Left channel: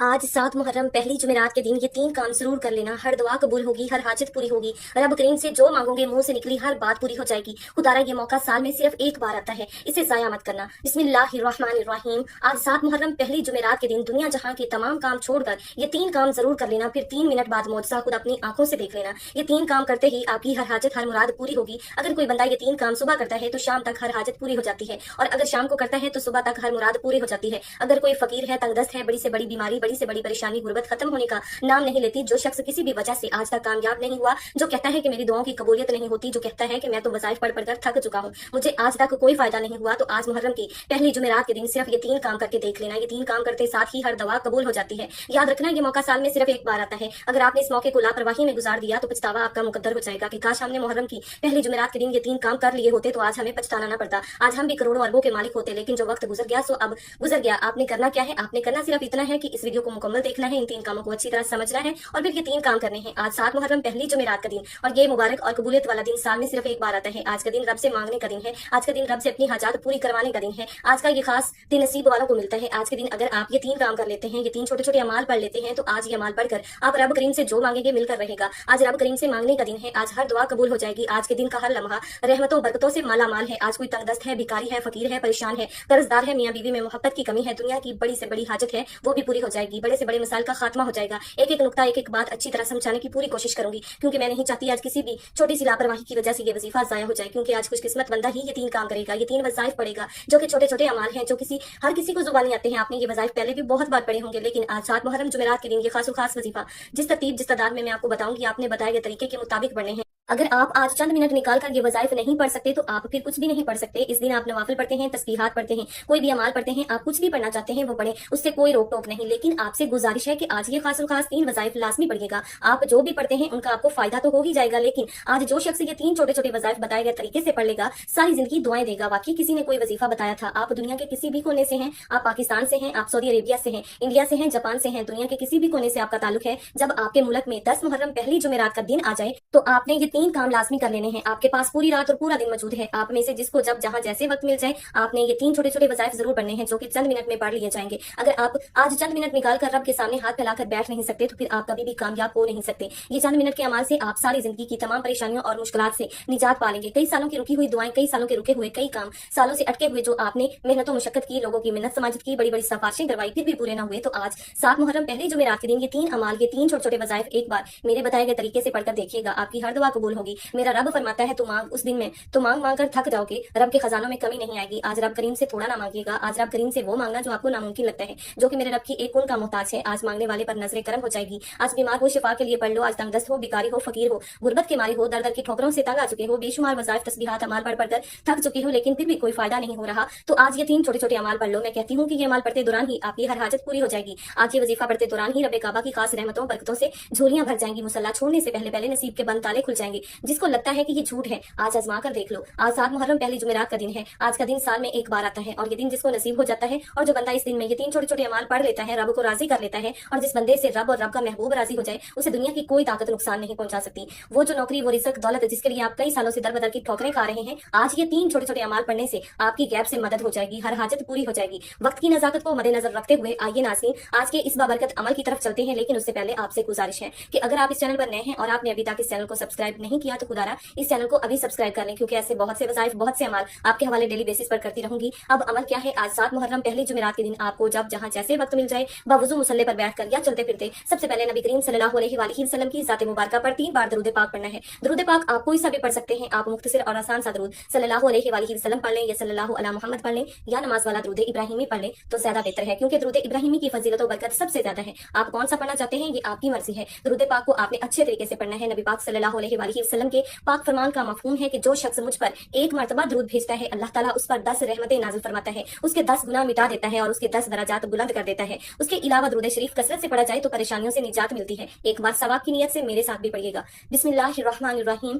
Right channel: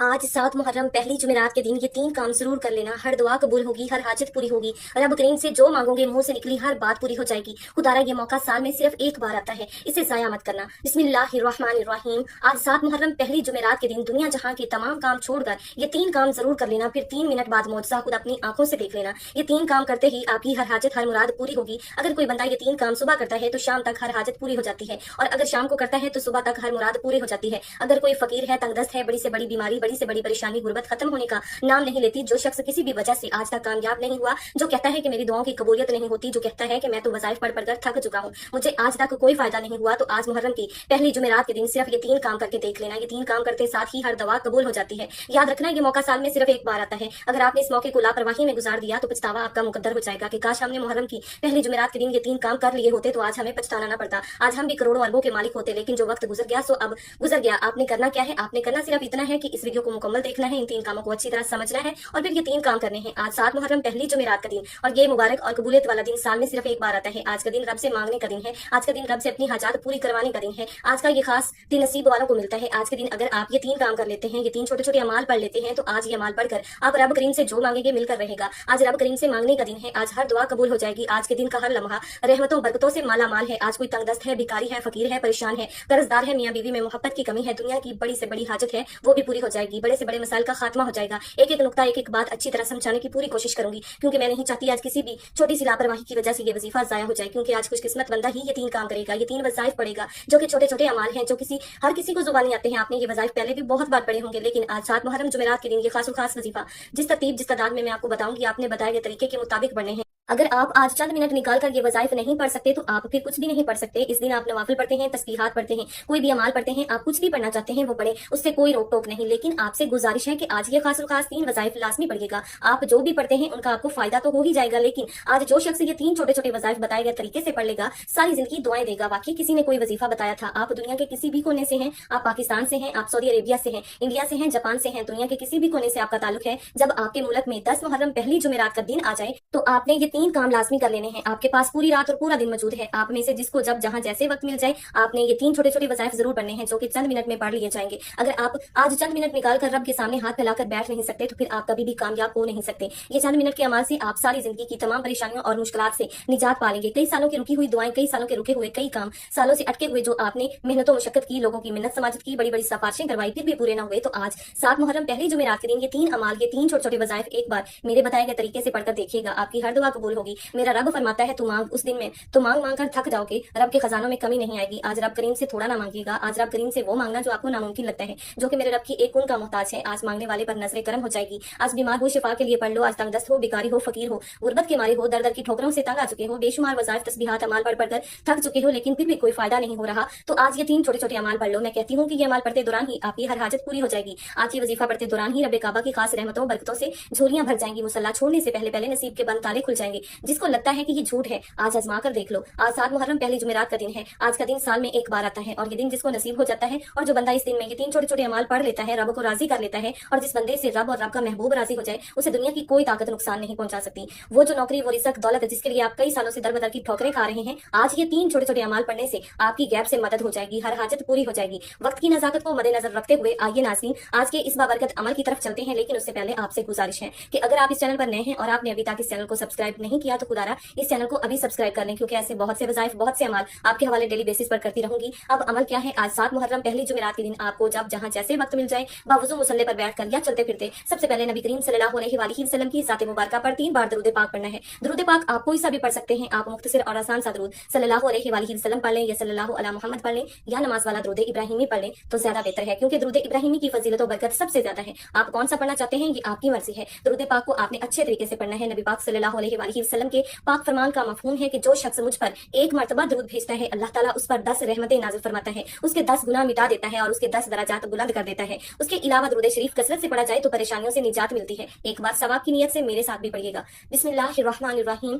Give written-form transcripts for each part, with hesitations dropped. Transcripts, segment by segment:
आज 7 मुहर्रम पहली जुमेरात के दिन ये 3 काम जरूर कर लेना। हर दुआ कबूल होगी, हर हाजत पूरी होगी। रब करीम से जो मांगोगे मुंह से निकली हर बात पूरी हो जाएगी। खुदारा ये मौका साल में सिर्फ एक बार आता है, इसे जाया मत करना। बिस्मिल्लाहिर्रहमानिर्रहीम। आज 7 मुहर्रम पहली जुमेरात के दिन दुनिया जहां के तमाम काम छोड़कर ये 3 काम जरूर कर लेना। फिर 3 मिनट बाद मौजज़ा खुद अपनी आंखों से देख लेना। ये 3 काम करते ही आपकी हर हाजत हर मुराद पूरी होगी। अगर कोई बंदा ये 3 काम सुबह करता है तो शाम तक हर हाजत पूरी हो जाती है, और अगर शाम को करता है तो सुबह तक हर मुराद पूरी हो जाती है। अगर कोई फकीर है, तंगदस्त है, बड़ी से बड़ी बीमारी, बड़ी से बड़ी परेशानी, गुर्बत खत्म होने का नाम नहीं लेती, जो शख्स किसी भी वजह से आज तक कामयाब नहीं हुआ, जो कहता है कि मेरी दुआओं की कबूलियत नहीं होती, जो कहता है कि मैं तो वज़ाइफ पढ़ पढ़कर थक चुका हूँ, मुझे आज तक कोई फायदा नहीं हुआ, तो आज मुहर्रम की पहली जुमेरात के दिन सिर्फ ये 3 काम करके देख लेना। ये 3 काम करते साथ ही हर दवा कबूल हो जाती है। याद रखना, ये मौका साल में सिर्फ एक बार आता है। अगर आपने इस मौके को लापरवाही में गुजार दिया तो पछतावा आपका मुकद्दर हो जाएगा कि काश हमने मुहर्रम की पहली जुमेरात के दिन ये 3 काम कर लिए होते तो आज हमें पछताना ना पड़ता, आज हम भी करोड़ों अरबों के मालिक होते। लेकिन जो वक्त गुजर गया सो अब गुजर गया। आपने करना क्या है? आपने करना सिर्फ इतना है कि इस वीडियो को मुकम्मल देखना है, इन 3 कामों को अच्छी तरह समझना है और फिर ये 3 काम करने हैं। आज 7 मुहर्रम पहली जुमेरात का दिन, और ये मुबारक और कबूलियत वाला दिन साल में सिर्फ एक बार आता है। आज का दिन रब से मांगने का दिन है, आज का दिन रब से अपनी हाजात पूरी करवाने का दिन है। आज का ये खास दिन नसीब वालों को मिलता है। आज के दिन अगर आप ये 3 काम कर लेते हैं, ये 3 छोटे छोटे अमाल पढ़ लेते हैं, तो आज ये अमाल पढ़कर आप रब करीम से जो मांगेंगे मिलकर रहेगा। आज रब करीम से मांगने का दिन है, आज हर दुआ कबूल हो जाएगी। आज के दिन का हर लम्हा रहमतों बरकतों से माला माल है। आज कोई तंगदस्त है, भिखारी है, फकीर है, परेशान है, कर्जदार है, मियाँ बीवी में मोहब्बत की कमी है, दुनिया की बड़ी से बड़ी हाजत है, वो भी पूरी हो जाएगी। बड़े से बड़े मसाइल का खात्मा हो जाएगा। एक एक नुक्ता, एक एक बात अच्छी तरह समझाने की पूरी कोशिश करूंगी, क्योंकि मैं नहीं चाहती आज किसी भी छोटी सी लापरवाही की वजह से ये वजीफा जाया हो जाए। क्योंकि आज खुशकिस्मत बंदा ही ये 3 काम करेगा, ये 3 वज़ाइफ पड़ेगा, जो कि छोटे छोटे अमाल हैं, जो हर किसी को जुबानी आते हैं। आपने ये वज़ाइफ पहले भी बहुत बार पढ़े होंगे, लेकिन आज 7 मुहर्रम जुमेरात के दिन ये खास वजीफा जिस तरतीब जिस तादाद में मैं आपको बताऊंगी, आपने बताए गए तरीके के मुताबिक पढ़ने हैं। अगर आप आज चंद मिनट निकाल कर ये वज़ाइफ नहीं पढ़ सकते तो आप फिर कुछ भी नहीं पढ़ सकते। इस दिन आप नवाफिल पढ़ते हैं, तस्बीहात पढ़ते हैं, कोई भी अमाल पढ़ते हैं, आप कुछ भी पढ़ना चाहते हैं वो पढ़े, उससे कोई रोक टोक नहीं। लेकिन आपसे गुजारिश है कि आज ये खास 3 वज़ाइफ लाजमी पढ़िएगा। आप जो भी पढ़ते हैं उनका आपको फायदा तो हो ही जाएगा, लेकिन आज जो शख्स ये 3 छोटे छोटे वज़ाइफ बताए गए तरीके से पढ़ लेगा, सारी जिंदगी दुआएं देगा। बाकी किसी ने कोई वजीफा बताया था, आप दुनिया के किसी भी कोने से हैं, आप पाकिस्तान से हैं, आप सऊदी अरेबिया से हैं, इंडिया से हैं, जापान से हैं, दुनिया के किसी भी कोने से आपका ताल्लुक है, जब आपके मुल्क में 10 मुहर्रम पहली जुमेरात का दिन आ जाए तो आपने ये 3 काम लाजमी कर लेने हैं। आपके पास पूरी रात और पूरा दिन मौजूद है। आप में से जिसको जब जहां जैसे वक्त मिल जाए, आपने ये 3 छोटे छोटे वज़ाइफ जरूर पढ़ने हैं, जो कि चंद मिनट में पढ़ लिए जाएंगे। अगर आप आज चंद मिनट निकाल कर रब के सामने हाथ फैलाकर बैठ नहीं सकते तो फिर आप कभी भी कामयाब हो नहीं सकते। ये चंद मिनट के अमाल से आप सारी जिंदगी की तमाम परेशानियों और मुश्किलात से निजात पा लेंगे। कई सालों की रुकी हुई दुआएं, कई सालों के रुके हुए कई काम, सालों से अटके हुए जो आपने मेहनतों मुशक्कत की, लोगों की मिन्नत समाजत की, बड़ी बड़ी सिफारिशें करवाई, फिर भी पूरे न हुए, तो आज 7 मुहर्रम पहली जुमेरात के दिन ये 3 अमाल, ये 3 छोटे छोटे वज़ाइफ एक बार मेरे बताए गए तरीके से पढ़कर देखिएगा। आपकी हर दुआ कबूल होगी। मेरा रब फरमाता है, तू मांग, उस दिन में तो मांग मांग कर थक जाओगे, रब के खजानों में कमी नहीं आएगी। आज रब करीम से थोड़ा ना मांगिएगा, आज रब करीम से वो मांगना जो आपको नामुमकिन लगता है, जो कि मेरे रब की एक कौन का मोहताज है। आज मांगने वाले पर नजर करम हो जाएगी। आज बीमार हो, शिफा के लिए पढ़ लो। आज तंगदस्त हो, बिकारी हो, फकीर हो, गुर्बत के मारी हो, दर दर की ठोकरों से तंग आ चुके हो, बेशुमार वज़ाइफ तस्बीहात अमाल पढ़ पढ़कर थक चुके हो, लेकिन फिर भी कोई फायदा नहीं हो रहा, तो आज ये 3 छोटे छोटे अमाल पढ़ लो। मैं कहती हूँ कि ये अमाल पढ़ते दौरान ही आपकी हर हाजत पूरी हो जाएगी। आज ये वजीफा पढ़ते दौरान ही रब काबा की खास रहमतों बरकतों से झोलियां भर जाएंगी। मुसल्ला छोड़ने से पहले पहले नसीब के बंद ताले खुल जाएंगे। जिसको लगता है कि ये झूठ है, आज आजमा कर देख लो। आज 7 मुहर्रम पहली जुमेरात का दिन है। आज का दिन साल में एक बार आता है, और ये दिन जिसको नसीब हो जाता है, और जो बंदा इस दिन में ये 3 छोटे छोटे अमाल पढ़ लेता है, रब को राजी कर लेता है, और जिस बंदे से रब और रब का महबूब राजी हो जाए, उसे दुनिया की कोई ताकत नुकसान नहीं पहुंचा सकती। वो जो नौकरी, वो रिज़्क, दौलत जिसके लिए आप कई सालों से दर बदर की ठोकरें खा रहे हैं, आज ये 3 छोटे छोटे अमाल पढ़ने से आपकी गैप से मदद हो जाएगी, हर हाजत पूरी हो जाएगी। वक्त की नजाकत को मद्देनजर रखते हुए आइए नाज़रीन, आज के इस बाबरकत अमल की तरफ चलते हैं। लेकिन उससे पहले आपसे गुजारिश है कि अगर आप इस चैनल पर नए हैं और आपने अभी तक इस चैनल को सब्सक्राइब नहीं किया, तो खुदारा इस चैनल को अभी सब्सक्राइब कर लें, क्योंकि ऐसे बहुत से वज़ाइफ, बहुत से अमाल आपके हवाले डेली बेसिस पर करती रहूंगी। अब अमल क्या है? आज 7 मुहर्रम पहली जुमेरात के दिन आपको जब जहां जैसे वक्त मिल जाए, बावजू मुसल्ले पर बैठकर या चलते फिरते, सबसे पहले नबी करीम सल्लल्लाहु अलैहि वसल्लम की ज़ात मुबारका पर 3 बार दरूद पाक पढ़ना है। दरूद पाक आप कोई सा भी पढ़ सकते हैं। आप मुख्तसर और आसान सा दरूद सल्लल्लाहु अलैहि वसल्लम पढ़ लें, या सल्लल्लाहु अला मुहम्मद पढ़ लें, या नमाज वाला दरूद इब्राहिमी पढ़ लें तो ज्यादा बेहतर है, क्योंकि दरूद इब्राहिमी की फजीलत और बरकत सबसे ज्यादा है। आप कौन सा पढ़ना चाहते हैं ये आपकी मर्जी है। दरूद पाक को आपने अच्छे तरीके से पढ़ना है। नबी पाक सल्लल्लाहु अलैहि वसल्लम के पाक फरमान का मफहूम है कि जो शख्स मुझ पर एक मरतबा दरूद भेजता है, अल्लाह ताला उस पर 10 रहमतें नाज़िल फरमाता है, उसके 10 गुनाह मिटा देता है और उसके 10 दराजात बुलंद कर देता है। उसके अलावा दरूद शरीफ कसरत से पढ़ा जाए तो परेशानियों से निजात मिलती है। एक बार सवाब की नियत से मेरे साथ भी पढ़िएगा। बिस्मिल्लाहिर्रहमानिर्रहीम।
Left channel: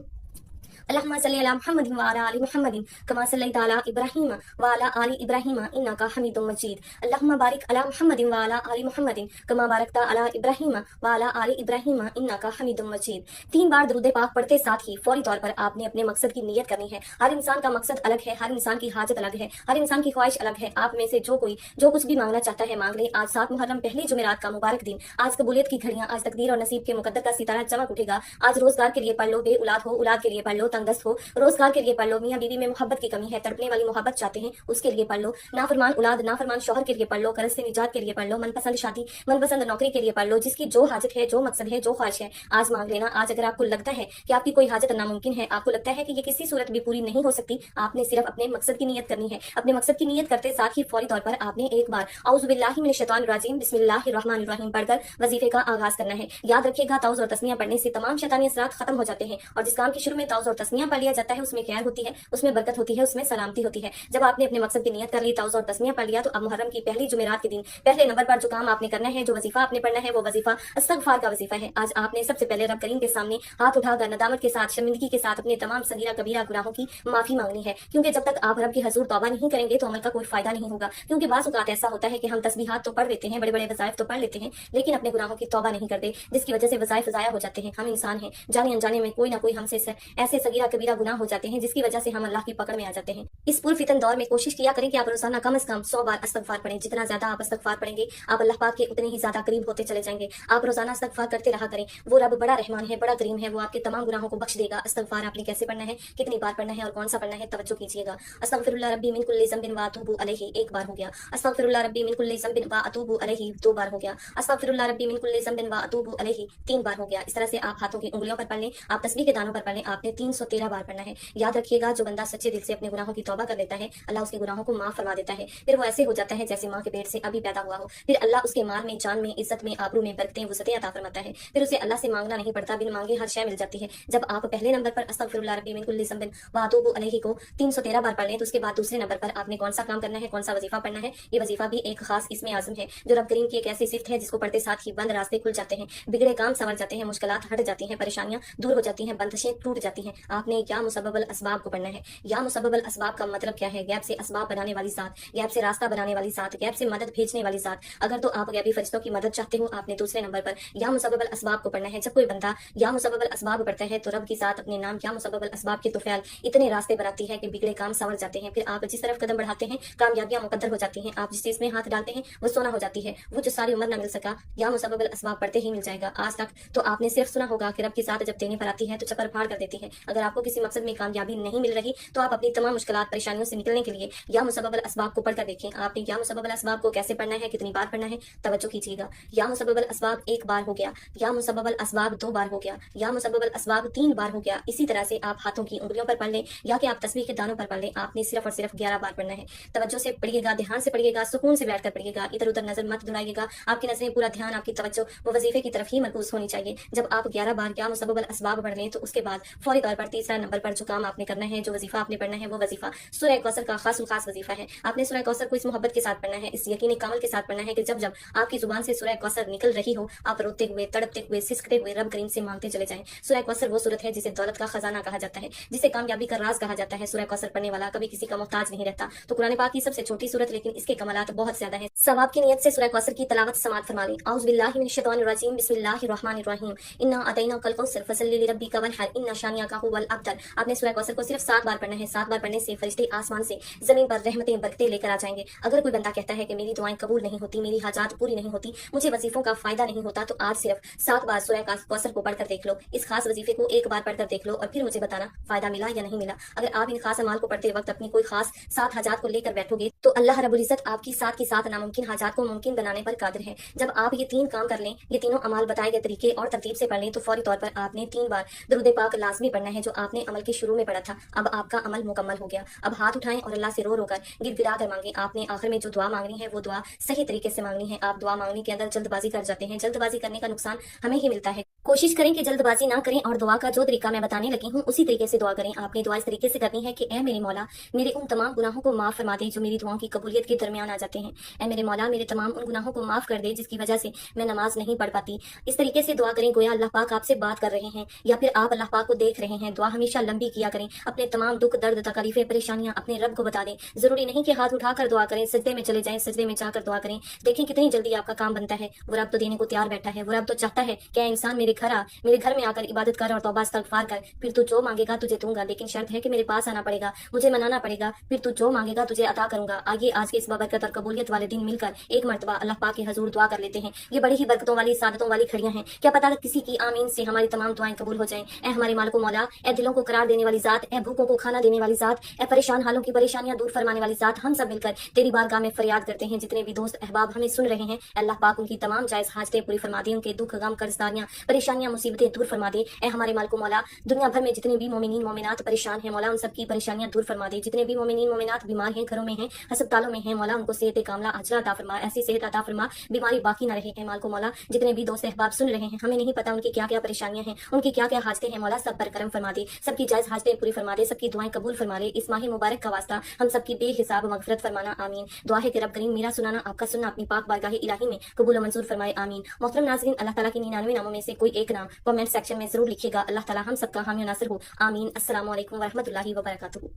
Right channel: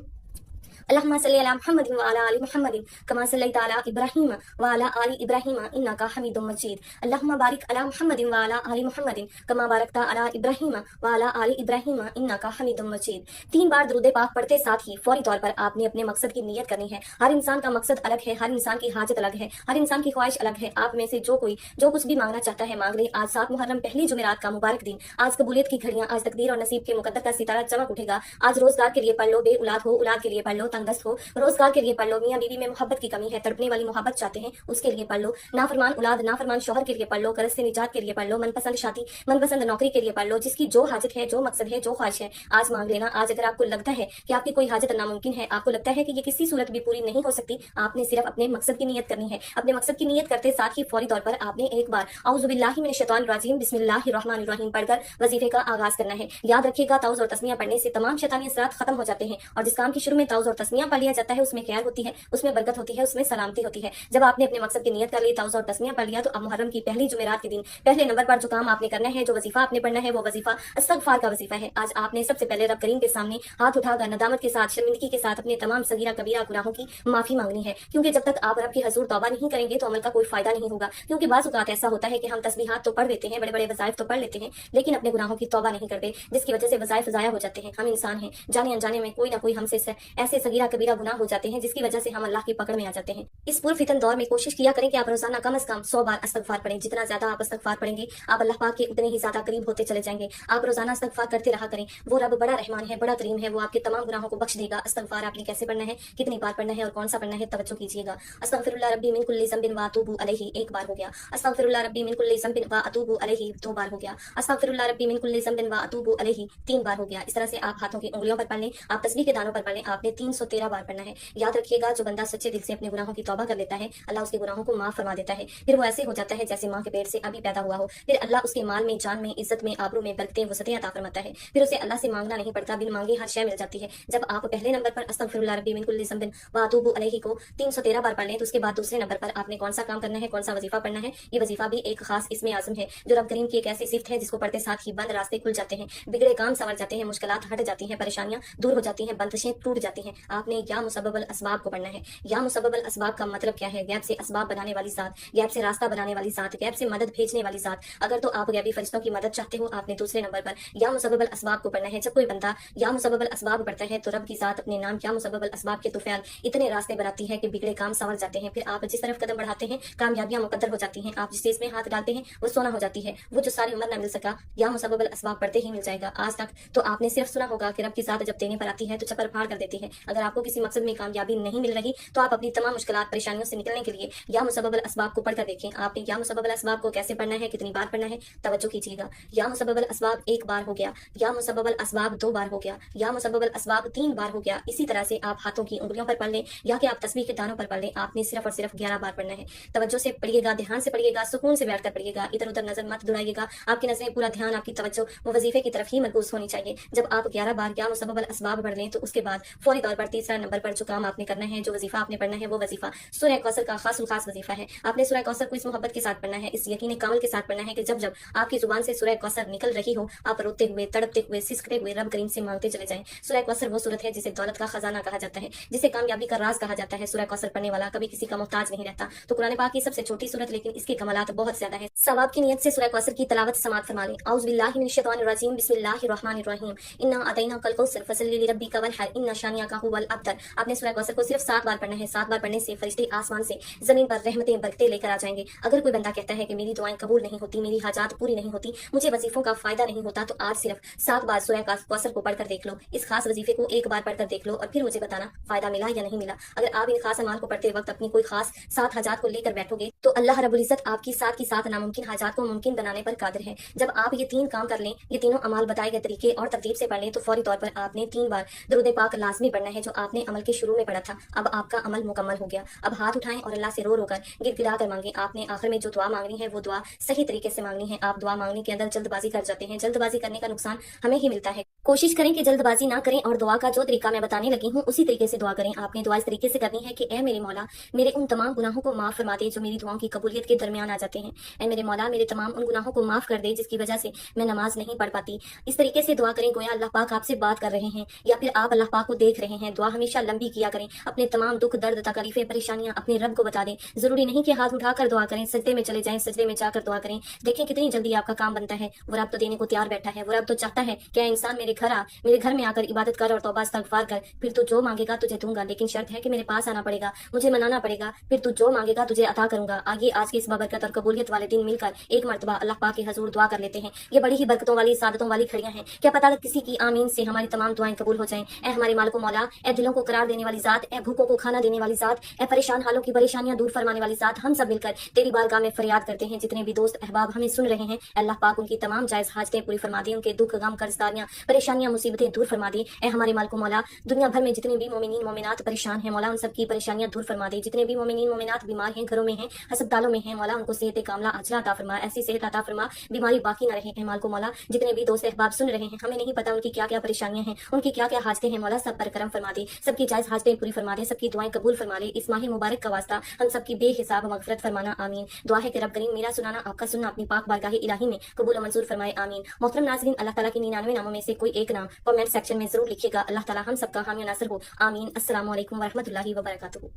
اللهم صل على محمد وعلى آل محمد كما صليت على إبراهيم وعلى آل إبراهيم إنك حميد مجيد. اللهم بارك على محمد وعلى آل محمد كما باركت على إبراهيم وعلى آل إبراهيم إنك حميد مجيد. 3 बार दरूद पाक पढ़ते साथ ही फौरी तौर पर आपने अपने मकसद की नियत करनी है। हर इंसान का मकसद अलग है, हर इंसान की हाजत अलग है, हर इंसान की ख्वाहिश अलग है। आप में से जो कुछ भी मांगना चाहता है मांग ले। आज 7 मुहर्रम पहली जुमेरात का मुबारक दिन, आज कबूलियत की घड़ियां, आज तकदीर और नसीब के मुकद्दर का सितारा चमक उठेगा। आज रोजगार के लिए पढ़ लो, बे औलाद हो औलाद के लिए पढ़ लो, तंगदस्त हो रोजगार के लिए पढ़ लो, मियां बीवी में मोहब्बत की कमी है, तड़पने वाली मोहब्बत चाहते हैं उसके लिए पढ़ लो, नाफरमान औलाद नाफरमान शौहर के लिए पढ़ लो, कर्ज से निजात के लिए पढ़ लो, मनपसंद शादी मनपसंद नौकरी के लिए पढ़ लो। जिसकी जो हाजत है, जो मकसद है, जो ख्वाहिश है, आज मांग लेना। आज अगर आपको लगता है कि आपकी कोई हाजत नामुमकिन है, आपको लगता है कि ये किसी सूरत भी पूरी नहीं हो सकती, आपने सिर्फ अपने मकसद की नियत करनी है। अपने मकसद की नियत करते साथ ही फौरी तौर पर आपने एक बार औज़ु बिल्लाहि मिनश शैतानिर रजीम बिस्मिल्लाहिर्रहमानिर्रहीम पढ़कर वजीफे का आगाज करना है। याद रखिएगा, ताउज़ और तस्मिया पढ़ने से तमाम शैतानी असरात खत्म हो जाते हैं, और जिस काम के शुरू में ताउज़ और तस्मिया पढ़ लिया जाता है उसमें खैर होती है, उसमें बरकत होती है, उसमें सलामती होती है। जब आपने अपने मकसद की नियत कर ली, ताउज़ और तस्मिया पढ़ लिया, तो अब मुहर्रम की पहली जुमेरात के दिन पहले नंबर पर जो काम आपने करना है, जो वजीफा आपने पढ़ना है, वो वजीफा इस्तगफार का वजीफा है। आज आपने सबसे पहले रब करीम के सामने हाथ उठाकर नदामत के साथ, शर्मिंदगी के साथ अपने तमाम सगीरा कबीरा गुनाहों की माफी मांगनी है, क्योंकि जब तक आप रब के हजूर तौबा नहीं करेंगे तो अमल का कोई फायदा नहीं होगा। क्योंकि बाज़ औक़ात ऐसा होता है कि हम तस्बीहात तो पढ़ लेते हैं, बड़े बड़े वज़ाइफ तो पढ़ लेते हैं, लेकिन अपने गुनाहों की तौबा नहीं करते, जिसकी वजह से वज़ाइफ ज़ाया हो जाते हैं। हम इंसान हैं, जाने अनजाने में कोई ना कोई हमसे ऐसे सगीरा कबीरा गुनाह हो जाते हैं जिसकी वजह से हम अल्लाह की पकड़ में आ जाते हैं। इस पुरफितन दौर में कोशिश किया करें कि आप रोजाना कम से कम 100 बार इस्तगफार पढ़ें। जितना ज्यादा आप इस्तगफार पढ़ेंगे, आप अल्लाह पाक के उतने ही ज्यादा करीब होते चले जाएंगे। आप रोजाना इस्तगफार करते रहा करें। वो रब बड़ा रहमान है, बड़ा करीम है, वो आपके तमाम गुनाहों को बख्श देगा। इस्तगफार आपने कैसे पढ़ना है, कितनी बार पढ़ना है और कौन सा पढ़ना है, तवज्जो कीजिएगा। अस्तगफिरुल्लाह रब्बी मिन कुल्ली ज़ंबिन व अतूबु अलैहि, 1 बार हो गया। अस्तगफिरुल्लाह रब्बी मिन कुल्ली ज़ंबिन व अतूबु अलैहि, 2 बार हो गया। अस्तगफिरुल्लाह रब्बी मिन कुल्ली ज़ंबिन व अतूबु अलैहि, 3 बार हो गया। इस तरह से आप हाथों की उंगलियों पर पढ़ लें, आप तस्बीह के दानों पर पढ़ लें। आपने 313 बार पढ़ना है। याद रखिएगा, जो बंदा सच्चे दिल से अपने गुनाहों की तौबा कर लेता है, अल्लाह उसके गुनाहों को माफ फरमा देता है। फिर वो ऐसे हो जाता है जैसे माँ के पेट से अभी पैदा हुआ हो। फिर अल्लाह उसके माल में, जान में, इज्जत में, आबरू में बरकतें वसअतें अता फरमाता है। फिर उसे अल्लाह से मांगना नहीं पड़ता, बिन मांगे हर शय मिल जाती है। जब आप पहले नंबर पर अस्तगफिरुल्लाह रब्बी मिन कुल्ली ज़ंबिन व अतूबु अलैहि को 313 बार पढ़ लें, तो उसके बाद दूसरे नंबर पर आपने कौन सा काम करना है, कौन सा वजीफा पढ़ना है। ये वजीफा भी एक खास इसमें आज़म है, जो रब करीम की एक ऐसी सिफ्त है जिसको पढ़ते साथ ही बंद रास्ते खुल जाते हैं, बिगड़े काम संवर जाते हैं, मुश्किलात हट जाती हैं, परेशानियां दूर हो जाती हैं, बंदिशें टूट जाती हैं। आपने या मुसब्बबल असबाब को पढ़ना है। या मुसब्बबल असबाब का मतलब क्या है? गैब से असबाब बनाने वाली साथ, गैब से रास्ता बनाने वाली साथ, गैब से मदद भेजने वाली साथ। अगर तो आप गैबी फरिश्तों की मदद चाहते हो, आपने दूसरे नंबर पर या मुसब्बबल असबाब को पढ़ना है। जब कोई बंदा या मुसब्बबल असबाब पढ़ता है तो रब की साथ अपने नाम या मुसब्बबल असबाब के तुफैल इतने रास्ते बनाती है कि बिगड़े काम संवर जाते हैं। फिर आप जिस तरफ कदम बढ़ाते हैं, कामयाबियां मुकद्दर हो जाती हैं। आप जिस चीज में हाथ डालते हैं वो सोना हो जाती है। वो जो सारी उम्र ना मिल सका, या मुसब्बबल असबाब पढ़ते ही मिल जाएगा। आज तक तो आपने सिर्फ सुना होगा कि रब की साथ जब देने पर आती है तो चक्कर फाड़ कर देती है। अगर आपको किसी मकसद में कामयाबी नहीं मिल रही तो आप अपनी तमाम मुश्किलात परेशानियों से निकलने के लिए या मुसब्बबल असबाब को पढ़कर देखें। आपने या मुसब्बबल असबाब को कैसे पढ़ना है, कितनी बार पढ़ना है, तवज्जो कीजिएगा। या मुसब्बबल असबाब 1 बार हो गया, या मुसब्बबल असबाब 2 बार हो गया, या मुसब्बबल असबाब 3 बार हो गया। इसी तरह से आप हाथों की उंगलियों पर पढ़ लें या कि आप तस्बीह के दानों पर पढ़ लें। आपने सिर्फ और सिर्फ 11 बार पढ़ना है। तवज्जो से पढ़िएगा, ध्यान से पढ़िएगा, सुकून से बैठकर पढ़िएगा, इधर उधर नजर मत दौड़ाइएगा। आपकी नजरें, पूरा ध्यान, आपकी तवज्जो वो वजीफे की तरफ ही मरकूज होनी चाहिए। जब आप 11 बार या मुसब्बबल असबाब पढ़ रहे हैं तो उसके बाद फौरी तौर पर तीसरा नंबर पर जो काम आपने करना है, जो वजीफा आपने पढ़ना है, वो वजीफा सूरह कौसर का खास वजीफा है। आपने सूरह कौसर को इस मोहब्बत के साथ पढ़ना है, इस यकीन कामल के साथ पढ़ना है कि जब जब आपकी जुबान से सूरह कौसर निकल रही हो, आप रोते हुए, तड़पते हुए, सिसकते हुए रब करीम से मांगते चले जाएं। सूरह कौसर वो सूरत है जिसे दौलत का खजाना कहा जाता है, जिसे कामयाबी का राज कहा जाता है। सूरह कौसर पढ़ने वाला कभी किसी का मोहताज नहीं रहता। तो कुरान पाक की सबसे छोटी सूरत, लेकिन इसके कमालात बहुत ज्यादा है। सवाब की नियत से सूरह कौसर की तिलावत समाअत फरमा लें। औज़ु बिल्लाहि मिनश शैतानिर रजीम बिस्मिल्लाहिर्रहमानिर्रहीम इन्ना अतैना कल कौसर फसल्लि लिरब्बिका वन्हर इन्ना शानिअका हुवल अब्तर। आपने सूरह कौसर को सिर्फ 7 बार पढ़ना है। 7 बार पढ़ने से फरिश्ते आसमान से जमीन पर रहमतें बरकतें लेकर आ जाएंगे। अगर कोई बंदा कहता है कि मेरी दुआएं कबूल नहीं होती, मेरी हाजात पूरी नहीं होती, मुझे वजीफों का फायदा नहीं होता, तो आज सिर्फ 7 बार सूरह कौसर को पढ़कर देख लो। इस खास वजीफे को 1 बार पढ़कर देख लो और फिर मुझे बताना फायदा मिला या नहीं मिला। अगर आप इन खास अमाल को पढ़ते वक्त अपनी कोई खास 7 हाजात को लेकर बैठोगे तो अल्लाह रब्बुल इज्जत आपकी साथ के साथ नामुमकिन हाजात को मुमकिन बनाने पर कादिर है। जब आप ये 3 काम कर लें, ये तीनों अमाल बताए गए तरीके और तरतीब से पढ़ लें, तो फौरी तौर पर आपने 3 बार दुरूद पाक लाजमी पढ़ना है, जो आपने अमल के शुरू में पढ़ा था। अब आपका अमल मुकम्मल हो गया। अब हाथ उठाएं और अल्लाह से रो रो कर गिड़गिड़ा कर मांगे। आपने आखिर में जो दुआ मांगनी है वो दुआ सही तरीके से मांगनी है। आप दुआ मांगने के अंदर जल्दबाजी कर जाते हैं। जल्दबाजी करने का नुकसान हमें ही मिलता है। कोशिश करें कि जल्दबाजी ना करें और दुआ का जो तरीका मैं बताने लगी हूँ उसी तरीके से दुआ करें। आपने दुआ इस तरीके से करनी है कि ए मेरे मौला, मेरे उन तमाम गुनाहों को माफ फरमा दे जो मेरी दुआओं की कबूलियत के दरमियान आ जाते हैं। ए मेरे मौला, मेरे तमाम उन गुनाहों को माफ कर दे जिसकी वजह से मैं नमाज नहीं पढ़ पाती। इस तरीके से दुआ करें गोया अल्लाह पाक आपसे बात कर रहे हैं या फिर आप अल्लाह पाक को देख रहे हैं। दुआ हमेशा लंबी किया करें। अपने तमाम दुख दर्द तकलीफें परेशानियां अपने रब को बता दें। जरूरी नहीं कि हाथ उठाकर दुआ करें, सजदे में चले जाएं, सजदे में जाकर दुआ करें। देखें कितनी जल्दी आपका काम बनता है। वो रब तो देने को तैयार बैठा है। वो रब तो चाहता है कि इंसान मेरे घर में आकर इबादत कर और तौबा इस्तगफार कर, फिर तू जो मांगेगा तुझे दूंगा। लेकिन शर्त है कि मेरे पास आना पड़ेगा, मुझे मनाना पड़ेगा, फिर तू जो मांगेगा तुझे अता करूंगा। आगे आज के इस बाबरकत और कबूलियत वाले दिन मिलकर एक मरतबा अल्लाह पाक के हजूर दुआ कर लेते हैं। ये बड़ी ही बरकतों वाली सादतों वाली खड़ियां हैं। क्या पता किसी की आमीन से हमारी तमाम दुआएं कबूल हो जाएं। ए हमारे मालिक मौला, ए दिलों को करार देने वाली जात, ए भूखों को खाना देने वाली जात, ए परेशान हालों की परेशानियां दूर फरमाने वाली जात, हम सब मिलकर तेरी बारगाह में फरियाद करते हैं। जितने भी दोस्त अहबाब हमें सुन रहे हैं, अल्लाह पाक उनकी तमाम जायज हाजतें पूरी फरमा दे, उनके दुख गम कर्जदारियां परेशानियां मुसीबतें दूर फरमा दे। ए हमारे मालिक मौला, दुनिया भर में जितने भी मोमिनीन मोमिनात परेशान हैं मौला, उन सबकी परेशानियां दूर फरमा दे। जितने भी मोमिनीन मोमिनात बीमार हैं, घरों में हैं, अस्पतालों में हैं मौला, उनको सेहत कामला अजला अता फरमा, ऐसी सेहत अता फरमा बीमारी बाकी न रहे। माल को मौला, जितने भी दोस्त अहबाब सुन रहे हैं, हमें नहीं पता उनकी क्या क्या परेशानियां हैं, उनकी क्या क्या हाजतें हैं मौला, सब पर करम फरमा दे, सबकी जायज हाजतें पूरी फरमा दे, सबकी दुआएं कबूल फरमा ले। इस माह मुबारक का वास्ता हम सबकी बेहिसाब मगफरत फरमाना, आमीन। दुआ है कि रब करीम मेरा सुनाना आपका सुनना अपनी पाक बारगाह इलाही में कबूल और मंजूर फरमाए, आमीन। मोहतरम नाज़रीन, अल्लाह ताला के 99 नामों में से कोई एक नाम कमेंट सेक्शन में जरूर लिखिएगा। अल्लाह ताला हम सबका हामी नासर हो, आमीन। अस्सलामु अलैकुम वरहमतुल्लाहि वबरकातुहू।